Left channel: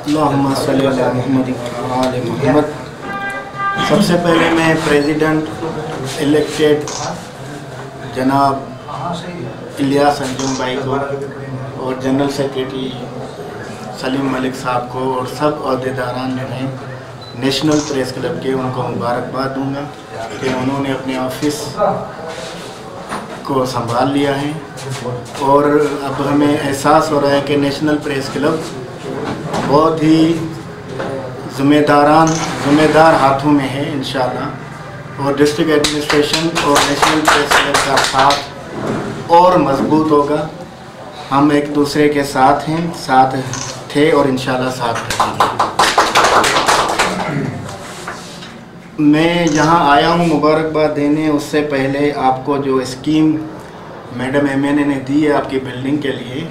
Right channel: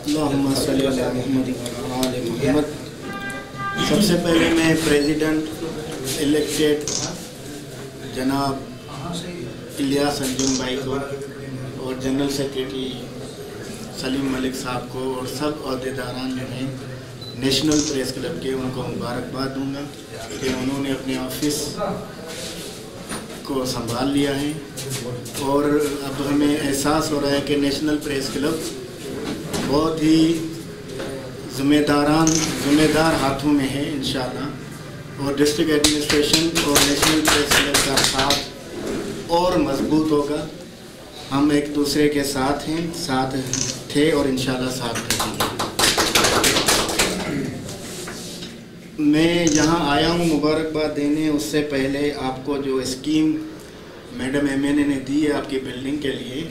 अल्लाहुम्मा सल्ली अला मुहम्मद व आले मुहम्मद। सबसे पहले मैं प्रेसिडेंट इलेक्टेड जनाब इलियास अंजुम भाई को और जनरल सेक्रेटरी सलीम मलिक साहब को और सब अहदेदारान जो हैं नेशनल प्रेस क्लब के, उनको मुबारकबाद दूंगा कि उन्होंने अपने ऑफिस को संभाल लिया है। और अब हमें एहसास हो रहा है कि नेशनल प्रेस क्लब बहुत ही ज़िम्मेदार हाथों में है इंशाअल्लाह। और डिस्ट्रिक्ट एडमिनिस्ट्रेशन और नेशनल प्रेस क्लब का साथ और मजबूत होगा। हम एक दूसरे के साथ हैं, साथ थे और इंशाअल्लाह साथ रहेंगे। मैं यहाँ आया हूँ मुबारकबाद देने, उससे पहले आपको जो स्कीम मैडम MNA ने दी है आपकी बिल्डिंग के लिए,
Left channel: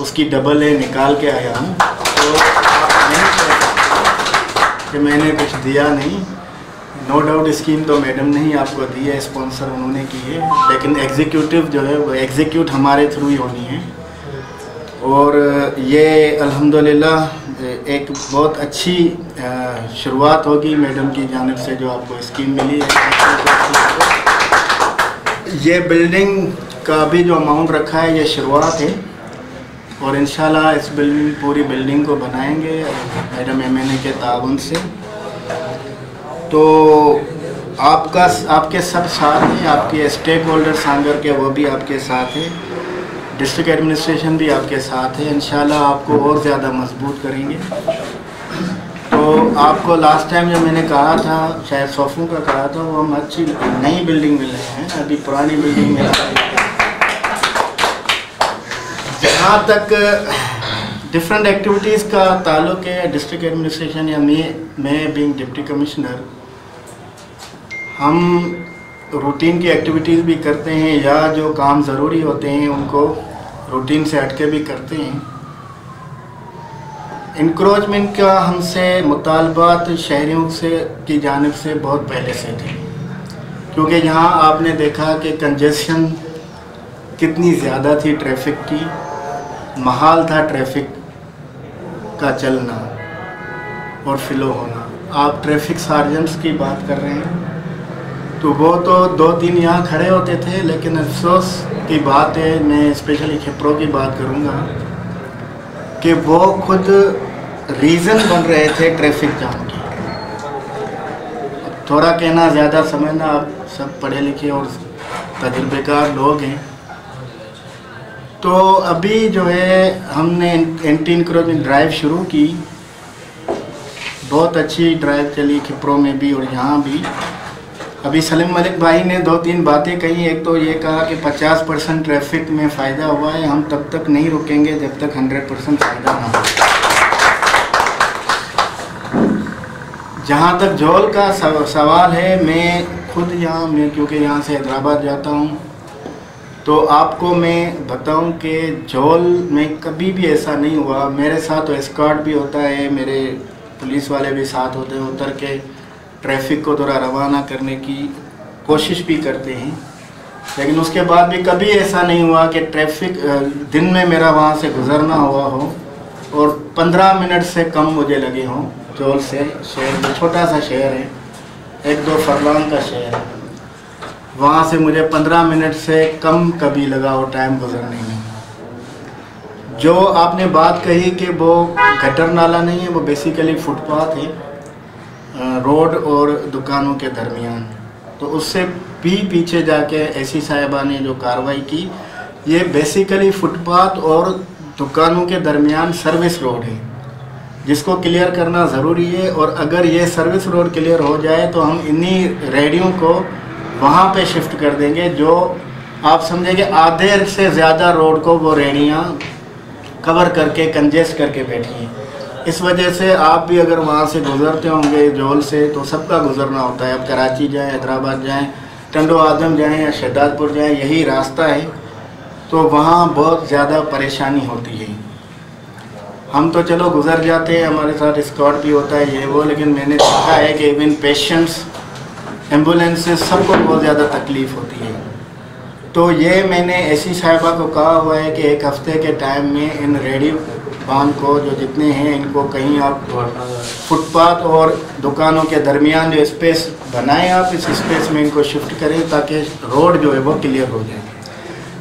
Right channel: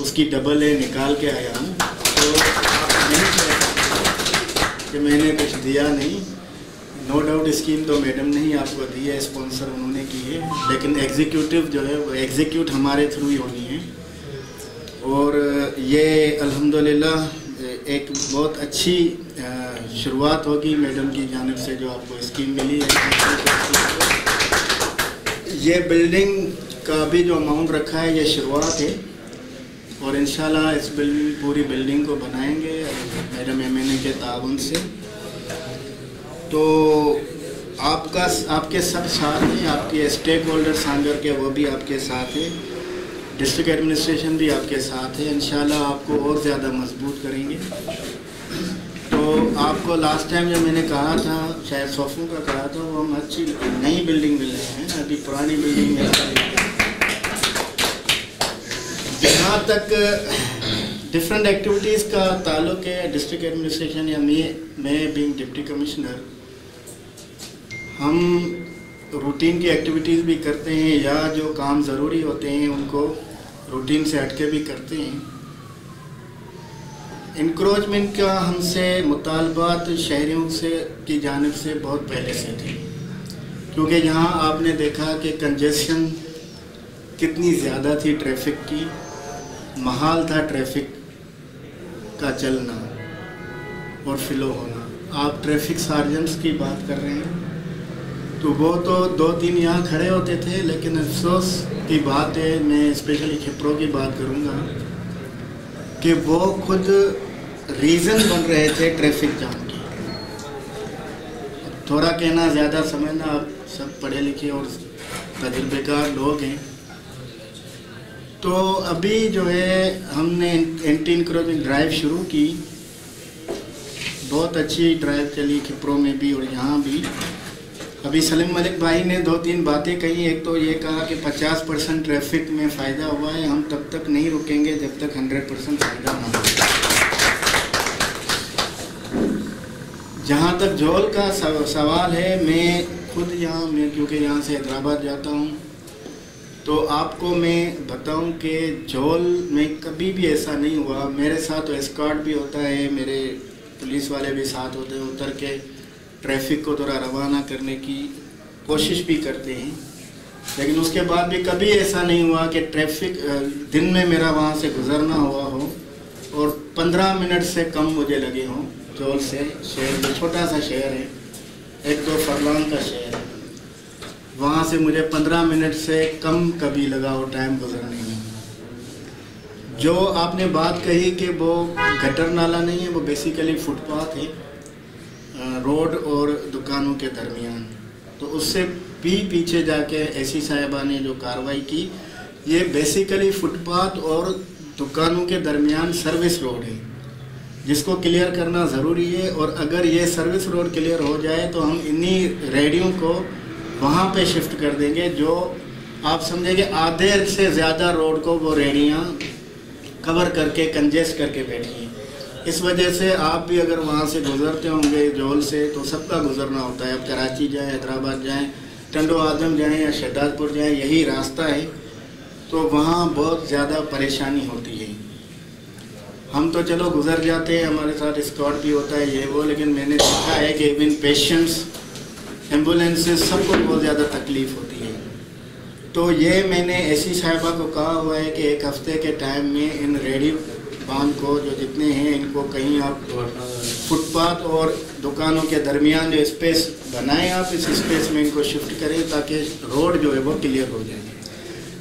उसकी डबल ए निकाल के आया हूँ। तो आप नहीं कह सकते कि मैंने कुछ दिया नहीं। नो डाउट स्कीम तो मैडम ने ही आपको दी है, स्पॉन्सर उन्होंने की है, लेकिन एग्जीक्यूटिव जो है वो एग्जीक्यूट हमारे थ्रू ही होनी है। और ये अल्हम्दुलिल्लाह एक बहुत अच्छी शुरुआत होगी मैडम की जानिब से जो आपको स्कीम मिली है। ये बिल्डिंग का भी जो अमाउंट रखा है ये शुरुआत है और इंशाल्लाह इस पूरी बिल्डिंग को बनाएंगे मैडम MNA के ताउन से। तो आपके सब साथ हैं, आपके स्टेक होल्डर सांगर के वो भी आपके साथ हैं, डिस्ट्रिक्ट एडमिनिस्ट्रेशन भी आपके साथ है। इंशाल्लाह आपको और ज़्यादा मजबूत करेंगे। तो आपको लास्ट टाइम जब मैंने कहा था, शायद सोफों का कहा था, वो हम अच्छी नई बिल्डिंग मिल रहे हैं, अभी पुरानी बिल्डिंग में। जहाँ तक डिफरेंट एक्टिविटीज़ का ताल्लुक़ है डिस्ट्रिक्ट एडमिनिस्ट्रेशन या मैं बीइंग डिप्टी कमिश्नर, हम रूटीन की एक्टिविटीज़ भी करते हैं या जो काम ज़रूरी होते हैं उनको रूटीन से हटके भी करते हैं। इंक्रोचमेंट का हमसे मुतालबात शहरियों से की जानिब से बहुत पहले से थे, क्योंकि यहाँ आपने देखा कि कंजेशन कितनी ज़्यादा थी, ट्रैफिक की महाल था, ट्रैफिक का चलना और फ्लो होना। आप ट्रैफिक सार्जेंट्स की बात कर रहे हैं तो वो तो 2-3 यहाँ खड़े होते थे, लेकिन अफसोस की बात है, मैं स्पेशली खिप्रो की बात करूँगा कि वो खुद रीज़न बन रहे थे ट्रैफिक जाम की। थोड़ा कहना ज़्यादा समझना, आप सब पढ़े लिखे और तजुर्बेकार लोग हैं। तो अभी जो है हमने एंटी इंक्रोचमेंट ड्राइव शुरू की, बहुत अच्छी ड्राइव चली खिप्रो में भी और यहाँ भी। अभी सलीम मलिक भाई ने 2-3 बातें कही। एक तो ये कहा कि 50% ट्रैफिक में फ़ायदा हुआ है, हम तब तक नहीं रुकेंगे जब तक 100% फ़ायदा ना हो। जहाँ तक जोल का सवाल है, मैं खुद मैं क्योंकि यहाँ से हैदराबाद जाता हूँ, तो आपको मैं बताऊँ कि जोल में कभी भी ऐसा नहीं हुआ। मेरे साथ तो एस्कॉर्ट भी होता है, मेरे पुलिस वाले भी साथ होते हैं, उतर के ट्रैफिक को थोड़ा रवाना करने की कोशिश भी करते हैं, लेकिन उसके बाद भी कभी ऐसा नहीं हुआ कि ट्रैफिक दिन में मेरा वहाँ से गुज़रना हुआ हो और 15 मिनट से कम मुझे लगे हों। जोल से शहर में, छोटा सा शहर है, 1-2 फरलांग का शहर है, वहाँ से मुझे 15 मिनट से कम कभी लगा हो टाइम गुज़रने में। जो आपने बात कही कि वो गटर नाला नहीं है, वो बेसिकली फुटपाथ है रोड और दुकानों के दरमियान। तो उससे भी पीछे जाके ऐसी साहिबा ने जो कार्रवाई की, ये बेसिकली फुटपाथ और दुकानों के दरमियान सर्विस रोड है, जिसको क्लियर करना ज़रूरी है। और अगर ये सर्विस रोड क्लियर हो जाए तो हम इन्हीं रेडियों को वहाँ पे शिफ्ट कर देंगे, जो आप समझेंगे आधे से ज़्यादा रोड को वो रेडियाँ कवर करके कंजेस्ट करके बैठी हैं। इस वजह से आप भी अगर वहाँ से गुज़रते होंगे जोल से, तो सबका गुज़रना होता है। अब कराची जाएं, हैदराबाद जाएं, टंडो आदम जाएं या शहदादपुर जाएं, यही रास्ता है, तो वहाँ बहुत ज़्यादा परेशानी होती है। हम तो चलो गुज़र जाते हैं, हमारे साथ एस्कॉर्ट भी होता है ये वो, लेकिन मैंने देखा है कि इवन पेशेंट्स, एम्बुलेंसेस, सबको बहुत ज़्यादा तकलीफ़ होती है। तो ये मैंने ऐसी साहिबा को कहा हुआ है कि 1 हफ़्ते के टाइम में इन रेडियो बांध को जो जितने हैं इनको कहीं आप फुटपाथ और दुकानों के दरमियान जो स्पेस बनाएं, आप इस स्पेस में इनको शिफ्ट करें ताकि रोड जो है वो क्लियर हो जाए।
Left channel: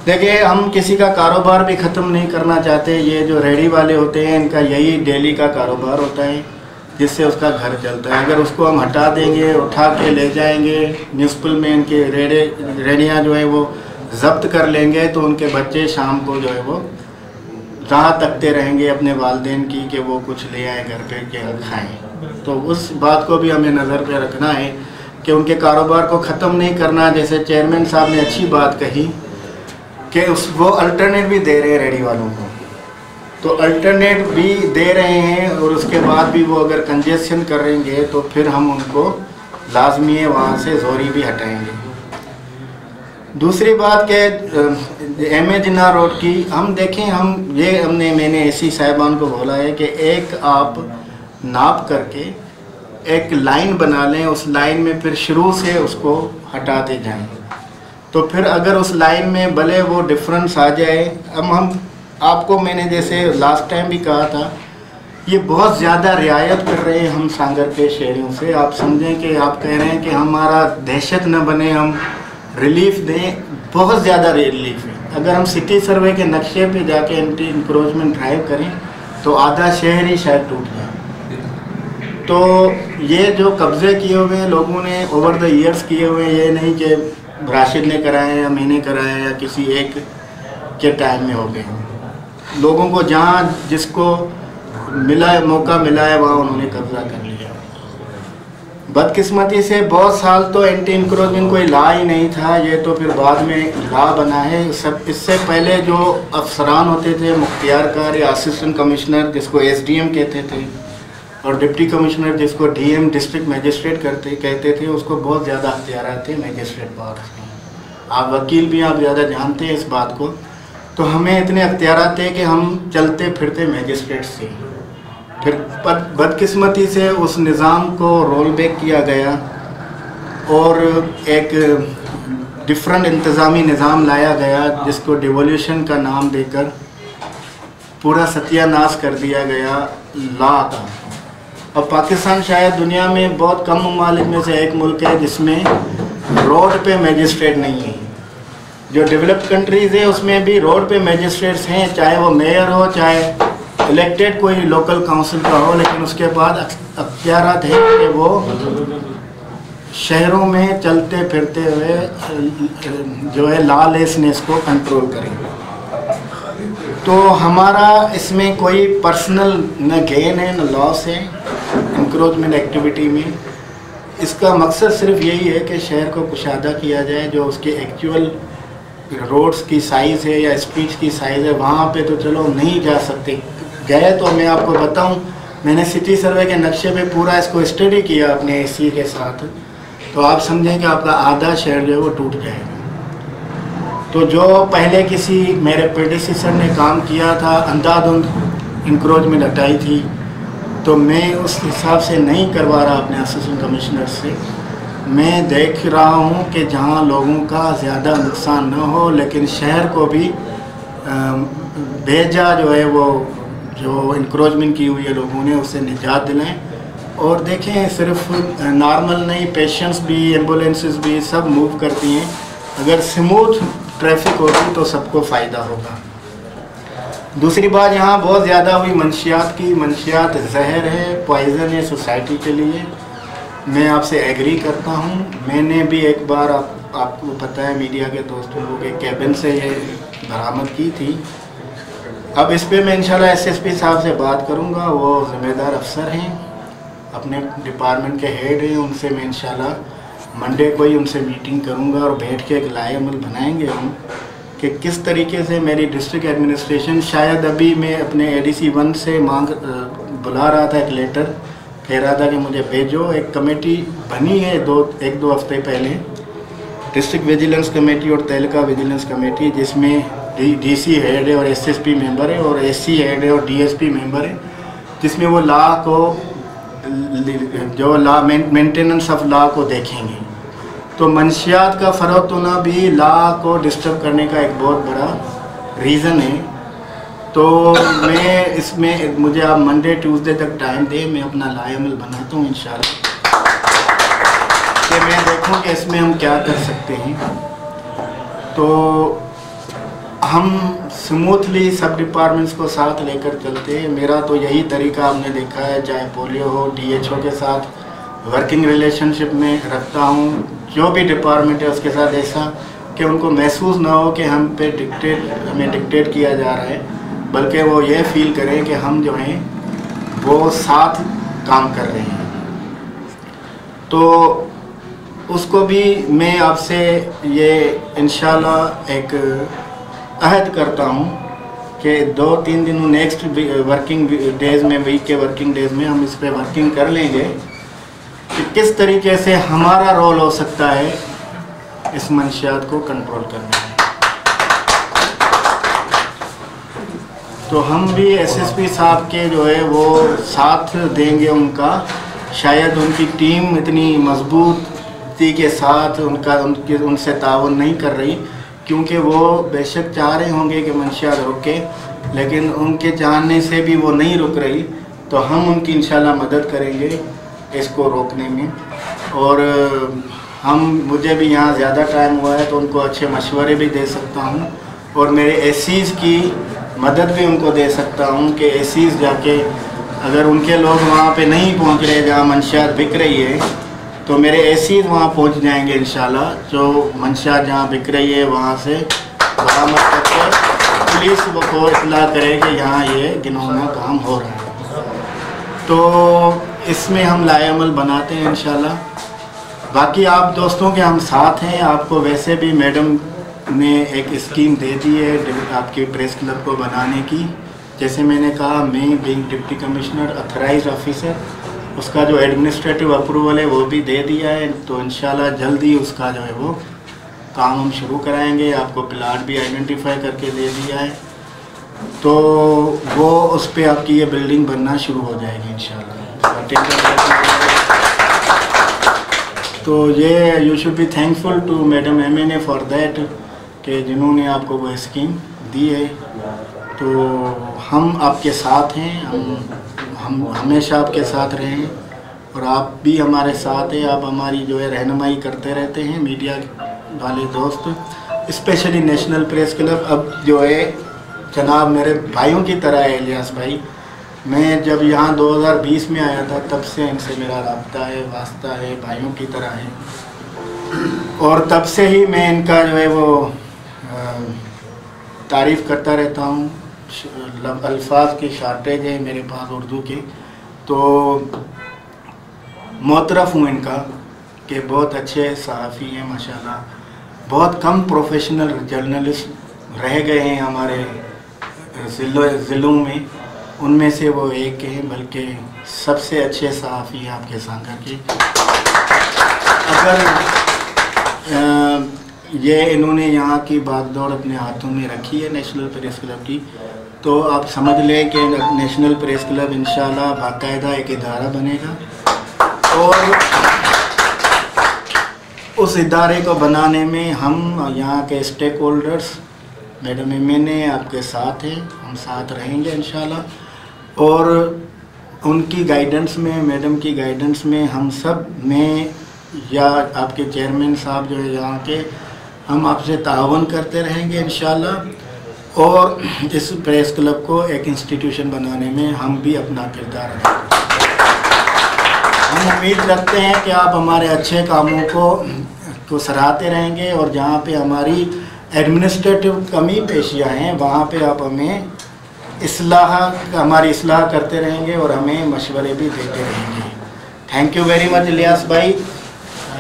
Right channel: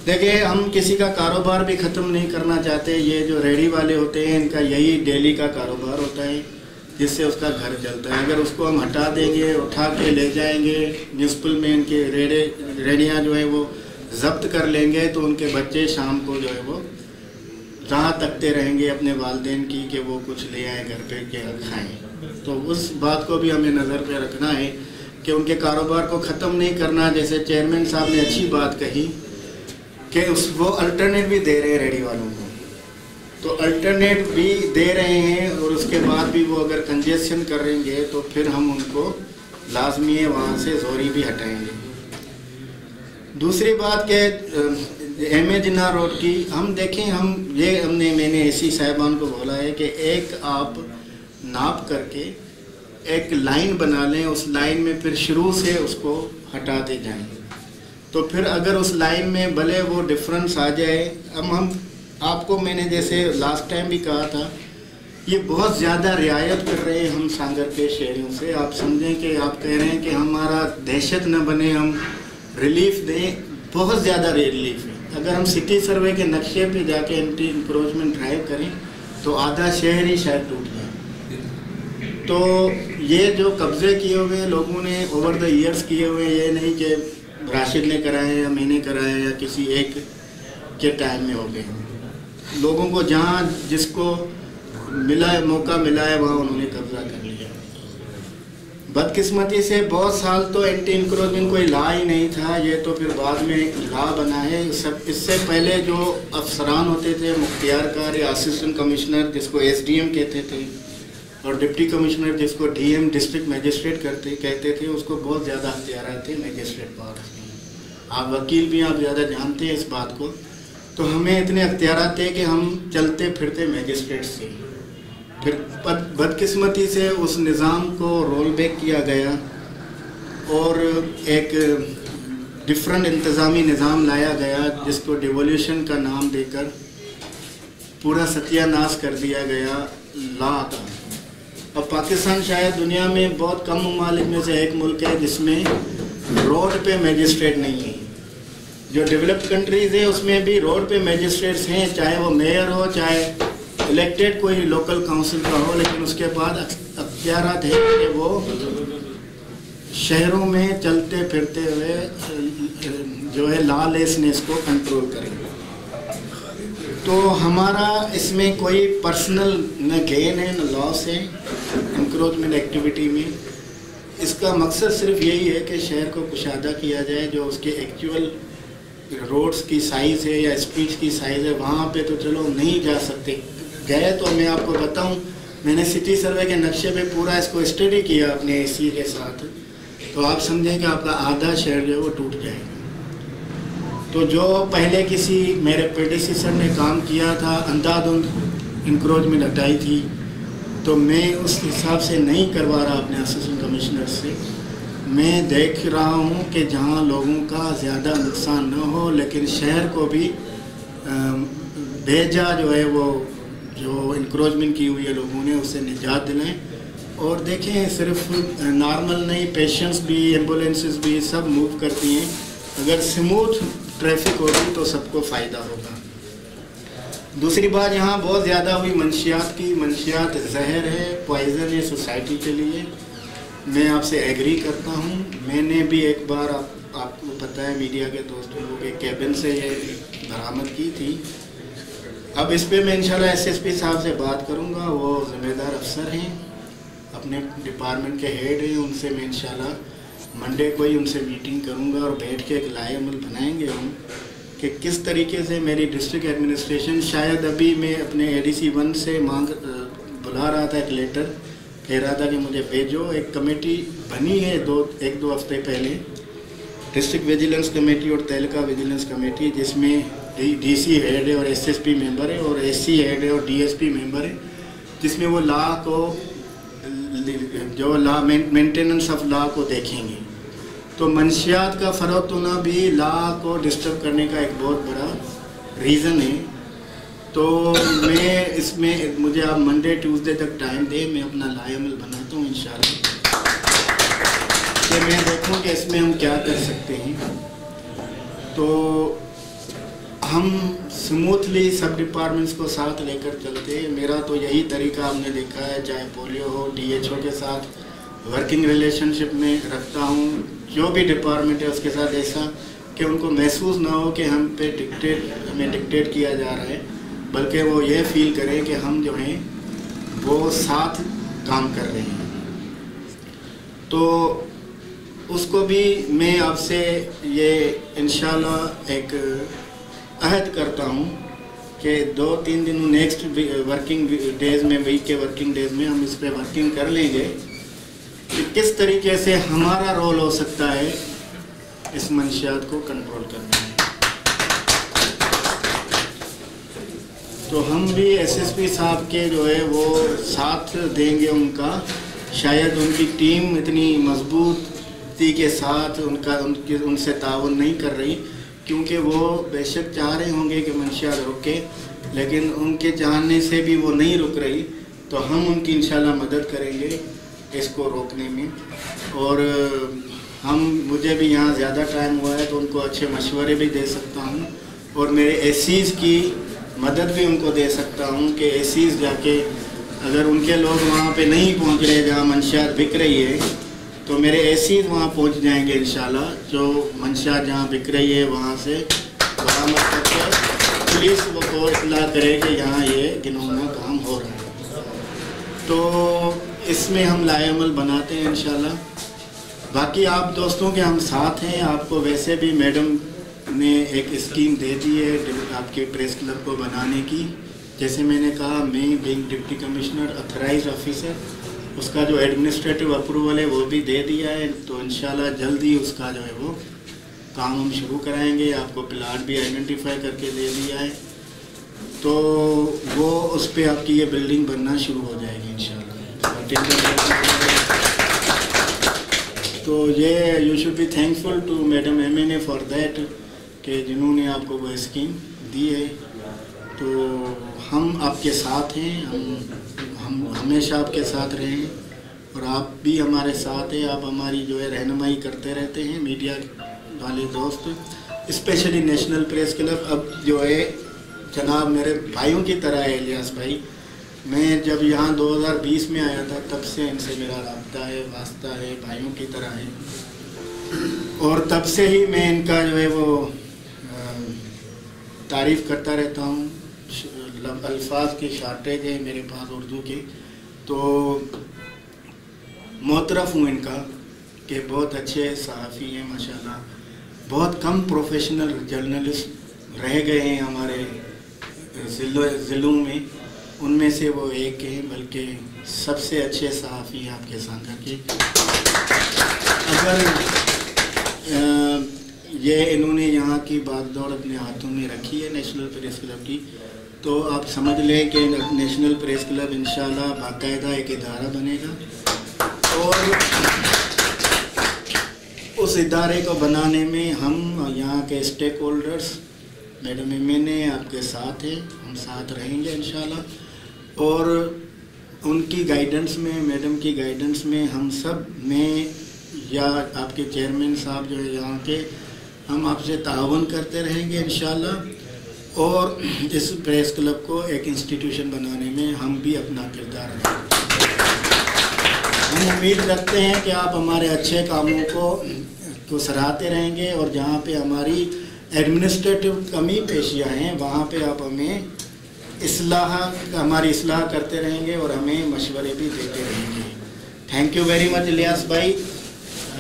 देखिए, हम किसी का कारोबार भी ख़त्म नहीं करना चाहते। ये जो रेडी वाले होते हैं इनका यही डेली का कारोबार होता है जिससे उसका घर चलता है। अगर उसको हम हटा देंगे, उठा के ले जाएंगे म्यूनसिपल में, इनके रेडियाँ जो है वो ज़ब्त कर लेंगे तो उनके बच्चे शाम को जो है वो राह तकते रहेंगे अपने वालिदैन की कि वो कुछ ले आए घर पे के खाएँ। तो उस बात को भी हमें नज़र पे रखना है कि उनके कारोबार को ख़त्म नहीं करना। जैसे चेयरमैन साहब ने अच्छी बात कही कि वो अल्टरनेट भी दे रहे हैं रेडी वालों को, तो अल्टरनेट भी दे रहे हैं और उसके बाद भी वो अगर कंजेशन करेंगे तो फिर हम उनको लाजमी है वहाँ से जोरी भी हटाएंगे। दूसरी बात के एम.ए. जिन्ना रोड की हम देखें, मैंने एसी साहिबान को बोला है कि एक आप नाप करके एक लाइन बना लें, उस लाइन में फिर शुरू से उसको हटाते जाएं, तो फिर अगर उस लाइन में भले वो डिफरेंस आ जाए। अब हम आपको मैंने जैसे लास्ट टाइम भी कहा था, ये बहुत ज़्यादा रियायत कर रहे हैं हम सांगर के शहरों से। आप समझें कि आप कह रहे हैं कि हमारा दहशत न बने, हम रिलीफ दें, बहुत ज़्यादा रिलीफ है। अगर हम सिटी सर्वे के नक्शे पे जाके एंटी इंक्रोचमेंट ड्राइव करें तो आधा शहर ही शायद टूट जाए। तो ये जो कब्ज़े किए हुए हैं लोगों ने ओवर द ईयर्स किए हुए हैं, ये नहीं कि राशिद ने कराए या मैंने कराया या किसी एक के टाइम में हो गए। लोगों को जहाँ जिसको मौका मिला है वहाँ उन्होंने कब्ज़ा कर लिया। बदकिस्मती से बहुत साल तो एंटी इंक्रोचमेंट कोई ला ही नहीं था, ये तो फिर बाद में ला बना है। सब इससे पहले जो अफसरान होते थे, मुख्तियारकार या असिस्टेंट कमिश्नर जिसको SDM कहते थे, और डिप्टी कमिश्नर जिसको DM डिस्ट्रिक्ट मजिस्ट्रेट कहते थे, उसको बहुत ज़्यादा अख्तियार थे मजिस्ट्रेट पावर्स में। आप वकील भी आप ज़्यादा जानते हैं इस बात को। तो हमें इतने अख्तियार थे कि हम चलते फिरते मजिस्ट्रेट से। फिर बदकिस्मती से उस निज़ाम को रोल बैक किया गया और एक डिफरेंट इंतज़ामी निज़ाम लाया गया जिसको डिवोल्यूशन का नाम देकर पूरा सत्यानाश कर दिया गया लॉ का। और पाकिस्तान शायद दुनिया में बहुत कम ममालिक में से एक मुल्क है जिसमें रोड पे मजिस्ट्रेट नहीं है। जो डेवलप्ड कंट्रीज़ है उसमें भी रोड पे मजिस्ट्रेट्स हैं, चाहे वो मेयर हो, चाहे इलेक्टेड कोई लोकल काउंसिल का हो, लेकिन उसके बाद अख्तियारात है कि वो शहरों में चलते फिरते हुए जो है लॉलेसनेस को कंट्रोल करें। तो हमारा इसमें कोई पर्सनल न गेन है न लॉस है इंक्रोचमेंट एक्टिविटी में। इसका मकसद सिर्फ यही है कि शहर को कुशादा किया जाए। जो उसके एक्चुअल रोड्स की साइज़ है या स्ट्रीट्स की साइज़ है, वहाँ पे तो चलो नहीं जा सकते। गए तो मैं आपको बताऊं, मैंने सिटी सर्वे के नक्शे पे पूरा इसको स्टडी किया अपने AC के साथ, तो आप समझें कि आपका आधा शहर जो है वो टूट जाएगा। तो जो पहले किसी मेरे प्रेडिसेसर ने काम किया था, अंधाधुंध इंक्रोचमेंट हटाई थी, तो मैं उस हिसाब से नहीं करवा रहा अपने असिस्टेंट कमिश्नर से। मैं देख रहा हूँ कि जहाँ लोगों का ज़्यादा नुकसान न हो, लेकिन शहर को भी भेजा जो है वो जो इंक्रोचमेंट की हुई है लोगों ने उससे निजात दिलाएं। और देखें, सिर्फ नॉर्मल नहीं, पेशेंट्स भी, एम्बुलेंसेस भी सब मूव करती हैं। अगर स्मूथ ट्रैफिक होगी तो सबको फ़ायदा होगा। दूसरी बात, यहाँ बहुत ज़्यादा हुई मंशियात की। मंशियात जहर है, पॉइज़न है सोसाइटी के लिए। मैं आपसे एग्री करता हूँ। मैंने भी एक बार आपको पता है मीडिया के दोस्तों को के कैबिन से ये बरामद की थी। अब इस पे मैं इंशाल्लाह SSP साहब से बात करूँगा, वो ज़िम्मेदार अफसर हैं, अपने डिपार्टमेंट के हेड हैं। उनसे मैं इंशाल्लाह मंडे को ही उनसे मीटिंग करूँगा और बैठ के एक लाए अमल बनाएंगे हम कि किस तरीके से मेरी डिस्ट्रिक्ट एडमिनिस्ट्रेशन, शायद अभी मैं अपने ADC 1 से बुला रहा था, एक लेटर कह रहा था कि मुझे भेजो। एक कमेटी बनी है एक दो हफ्ते पहले, डिस्ट्रिक्ट विजिलेंस कमेटी और तहलका विजिलेंस कमेटी, जिसमें DC हेड है और SSP मेंबर है और SC हेड है और DSP मेंबर है, जिसमें वो लॉ को जो लॉ मेंटेनेंस ऑफ लॉ को देखेंगे। तो मंशियात का फ़रोग़ होना भी लॉ को डिस्टर्ब करने का एक बहुत बड़ा रीज़न है। तो मैं इसमें मुझे आप मंडे ट्यूसडे तक टाइम दे, मैं अपना लाएअमल बनाता हूँ इंशाल्लाह, कि मैं देखूँ कि इसमें हम क्या कर सकते हैं। तो हम स्मूथली सब डिपार्टमेंट्स को साथ लेकर चलते हैं। मेरा तो यही तरीका आपने देखा है, चाहे पोलियो हो, DHO के साथ वर्किंग रिलेशनशिप में रखता हूँ, जो भी डिपार्टमेंट है उसके साथ, ऐसा कि उनको महसूस ना हो कि हमें डिक्टेट किया जा रहा है, बल्कि वो ये फील करें कि हम जो हैं वो साथ काम कर रहे हैं। तो उसको भी मैं आपसे ये इंशाल्लाह एक अहद करता हूँ कि 2-3 दिन नेक्स्ट वर्किंग डेज़ में, वीक के वर्किंग डेज़ में हम इस पर वर्किंग कर लेंगे कि किस तरीके से हमारा रोल हो सकता है इस मंशियात को कंट्रोल करने में। तो हम भी SSP साहब के जो है वो साथ देंगे उनका, शायद उनकी टीम इतनी मजबूती के साथ उनसे ताउन नहीं कर रही, क्योंकि वो बेशक चाह रहे होंगे कि मंशियात रुके, लेकिन उनके चाहने से भी वो नहीं रुक रही। तो हम उनकी इंशाल्लाह मदद करेंगे इसको रोकने में। और मुझे भी यहाँ ज़्यादा टाइम हुआ है तो उनको अच्छे मशवरे भी दे सकता हूँ, और मेरे एसीज़ की मदद भी उनको दे सकता हूँ कि एसीज़ जाके अगर उनके लोग वहाँ पे नहीं पहुँच रहे जहाँ मंशियात बिक रही है, तो मेरे एसीज़ वहाँ पहुँच जाएंगे इंशाल्लाह। जो मंशियात जहाँ बिक रही है वहाँ से बरामद करके पुलिस को इत्तला करे कि यहाँ ये घिनौना काम हो रहा है। तो इसमें हम लाएअमल बनाते हैं इंशाल्लाह। बाकी आप दोस्तों के हम साथ हैं। आपको वैसे भी मैडम ने एक स्कीम दे दी है आपके प्रेस क्लब को बनाने की। जैसे मैंने कहा, मैं बीइंग डिप्टी कमिश्नर अथराइज्ड ऑफिसर, उसका जो एडमिनिस्ट्रेटिव अप्रूवल है वो भी दे दिया है। तो इंशाल्लाह जल्दी उसका जो है वो काम हम शुरू कराएंगे। आपको प्लाट भी आइडेंटिफाई करके दे दिया है, तो वो उस पर आपकी ये बिल्डिंग बनना शुरू हो जाएगी इंशाल्लाह। तो ये you should be thankful to madam MNA for that, कि जिन्होंने आपको वो स्कीम दी है। तो हम आपके साथ हैं, हम हमेशा आपके साथ रहें, और आप भी हमारे साथ हैं। आप हमारी जो है रहनुमाई करते रहते हैं, मीडिया वाले दोस्त, स्पेशली नेशनल प्रेस क्लब। अब जो है जनाब मेरे भाइयों की तरह है इलियास भाई। मैं जब यहाँ 2020 में आया था तब से इनसे मेरा राब्ता है, वास्ता है, भाइयों की तरह है, और तब से ही मैं इनका जो है वो तारीफ़ करता रहता हूँ। अल्फाज की शार्टेज है मेरे पास उर्दू की, तो मोतरफ़ हूँ इनका कि बहुत अच्छे सहाफ़ी हैं माशाल्लाह। बहुत कम प्रोफेशनल जर्नलिस्ट रह गए हैं हमारे ज़िलों में, उनमें से वो एक हैं, बल्कि सबसे अच्छे सहाफ़ी हैं आपके सांगा के। अगर ये इन्होंने यहाँ की बागडोर अपने हाथों में रखी है नेशनल प्रेस क्लब की, तो आप समझ लें कि नेशनल प्रेस क्लब इंशाल्लाह बाकायदा एक इदारा बनेगा, और उस इदारे को बनाने में हम यहाँ के स्टेक होल्डर्स मैडम MNA आपके साथ हैं, हम साथ रहेंगे इंशाल्लाह। और उनकी गाइडेंस में, मैडम की गाइडेंस में हम सब में, या आपके चेयरमैन साहब जो है यहाँ के, हम आपसे ताउन करते रहेंगे इंशाल्लाह। और इस प्रेस क्लब को एक इंस्टीट्यूशन बनाने में हम भी अपना किरदार रखेंगे। हम उम्मीद रखते हैं कि आप हमारे अच्छे कामों को सराहते रहेंगे, और जहाँ पे हमारी एडमिनिस्ट्रेटिव कमी पेशियाँ हैं वहाँ पे आप हमें हमारी इस्लाह करते रहेंगे और हमें मशवरे भी देते रहेंगे। Thank you very much Ilyas भाई,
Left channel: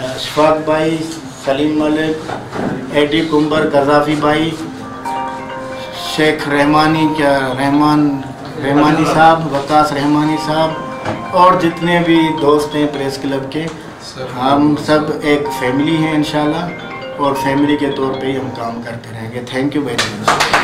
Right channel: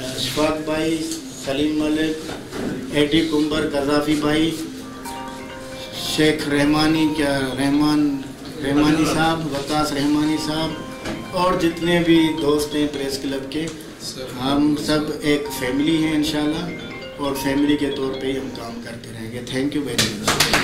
अशफाक भाई, सलीम मलिक, AD कुंबर, गज़ाफ़ी भाई, शेख रहमानी साहब, वकास रहमानी साहब, और जितने भी दोस्त हैं प्रेस क्लब के, हम सब एक फैमिली हैं इंशाल्लाह, और फैमिली के तौर पे ही हम काम करते रहेंगे। Thank you very much.